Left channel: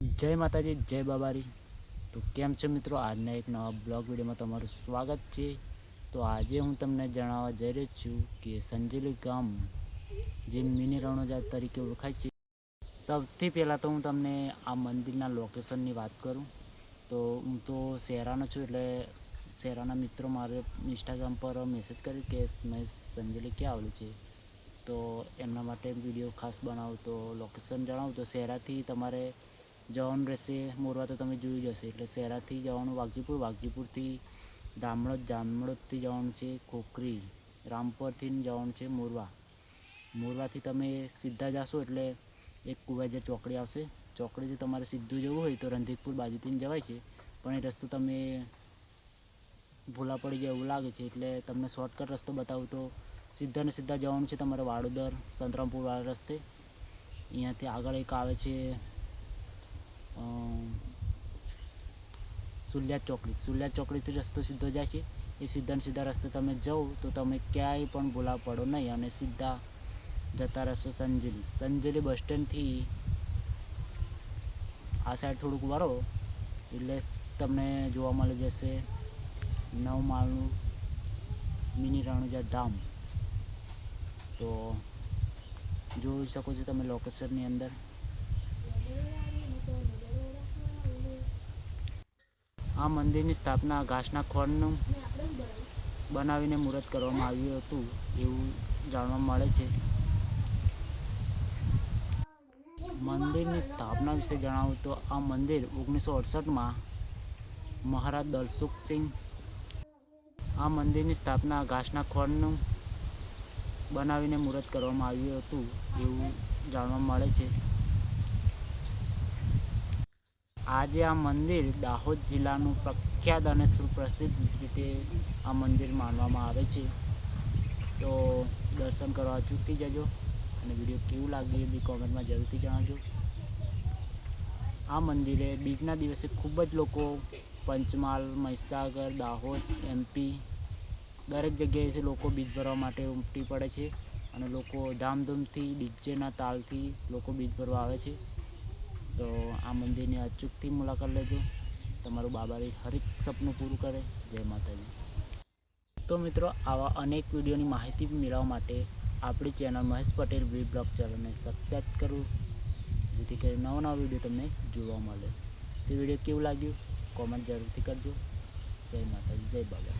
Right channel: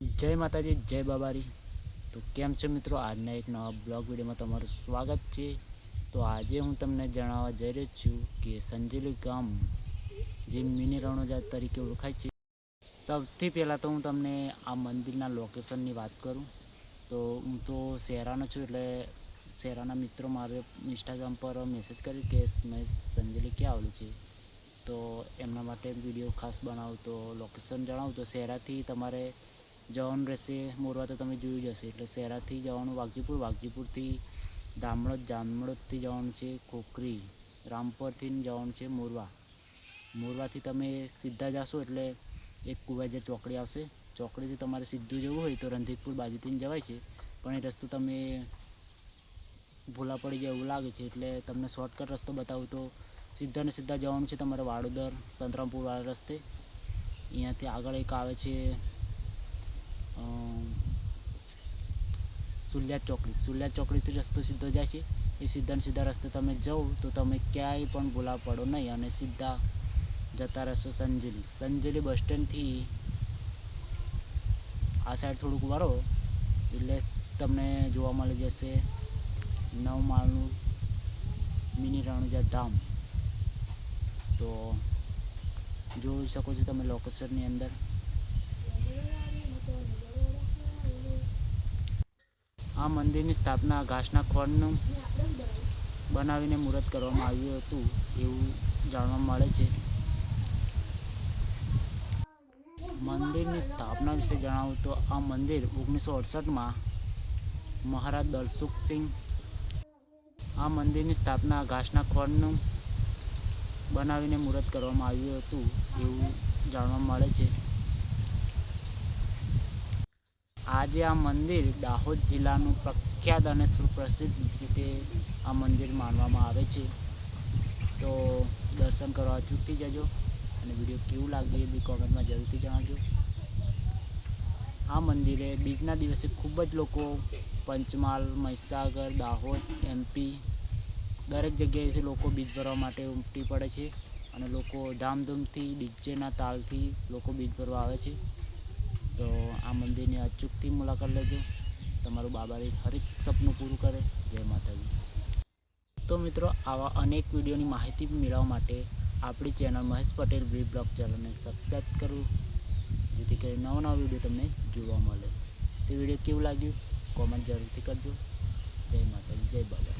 જય માતાજી, જય બાબારી। તો કેમ છે મિત્રો, આજના એક નવા બ્લોગ વિડીયોમાં તમારું સ્વાગત છે। તો આજે હું તમને જણાવવા જઈ રહ્યો છું કે સંજેલી ગામ જે મિની રણોજા તરીકે ઓળખાય છે। સૌથી પહેલાં તો હું તમને આ મંદિરના લોકેશનની વાત કરું તો હું તો શહેરાનો છું, એટલે શહેરાના મિત્રો મારે ઇન્સ્ટાગ્રામ પર મેસેજ કર્યું કે મેં સંજેલી ક્યાં આવેલું છે, તો એમના માટે વિડીયો ખાસ બનાવું તો લોકેશન જણાવું તો શહેરાથી તમારે જવાનું રહેશે મોરવા, તો તમે જોયું જ હશે। એટલે શહેરાથી જવાનું વાઘજીપુર, વાઘજીપુરથી જામળોદથી જવાનું છે ખોખરી, રામપરથી જવાનું છે મોરવા, મોરવાથી તમે સીધા જશો એટલે એક કુવાજા ચોકડી આવશે, ચોકડીથી તમારે સીધું જવું હોય તો રણજીતપુર બાજુથી જવાય છે, પણ એ રસ્તો તમે ભૂલા પડી જાય એવું લાગે છે, એટલે તમને શોર્ટકટ રસ્તો બતાવું તો સીધા ને સીધા જવાનું છે તમારે વાડોદર સંતરામપુરવાળા રસ્તે। અહીંયાથી આગળ એક આવે છે સુલ્યાદ ચોકડીથી રસ્તો સીધો જાય છે। એ સીધા રસ્તે તમે જાઓ તો તમે ક્યાંય પણ ભૂલા પડો નહીં અને સીધા જતા રહેશો સંજેલી બસ સ્ટેન્ડથી આ સાઈડ થોડુંક વળો એટલે તમને જોવા મળી જશે 9 માળનું મિની રણોજા ધામ। તો જોઈ શકો છો તમે લોકેશનની અંદર। આ મંદિરની સ્થાપના ઘાસના ખોળનું બનાવીને મુહૂર્ત કરવામાં આવ્યું હતું એવું જાણવા મળે છે। મંદિરની સ્થાપના વિશે જણાવું તો આ મંદિર 1968માં મહારાજ દલસુખસિંહ, આ મંદિરની સ્થાપના ઘાસના ખોળનું બનાવીને મુહૂર્ત કરવામાં આવ્યું હતું એવું જાણવા મળે છે। આજે આ મંદિર દાહોદ જિલ્લાનું પ્રખ્યાત અને સુપ્રસિદ્ધ રીતે આ મંદિર માનવામાં આવે છે। તો દર્શન કરવા અચૂકથી જજો અને વિડીયો કેવું લાગ્યું એ બી કોમેન્ટમાં જરૂરથી જણાવજો। આ મંદિરે બીજના દિવસે ખૂબ જ લોકો પંચમહાલ, મહીસાગર, દાહોદ, MP દરેક જગ્યાએથી લોકો બીજ ભરવા માટે ઉમટી પડે છે અને લોકો ધામધૂમથી ડીજેના તાલથી લોકો બીજ ભરવા આવે છે। તો આ મંદિરની અચૂકથી મુલાકાત લેજો, તમારું બાબારી હરેક સપનું પૂરું કરે। જય માતાજી। તો મિત્રો, આવા અનેક વિડીયોની માહિતી મેળવવા માટે આપણી ચેનલ મહેશ પટેલ બ્લોગ ચેનલને સબસ્ક્રાઈબ કરવું, જેથી કરી નવા વિડીયો તમને જોવા મળે। તો વિડીયો કેવું લાગ્યું કોમેન્ટ જરૂરથી કરજો। જય માતાજી, જય બાબા।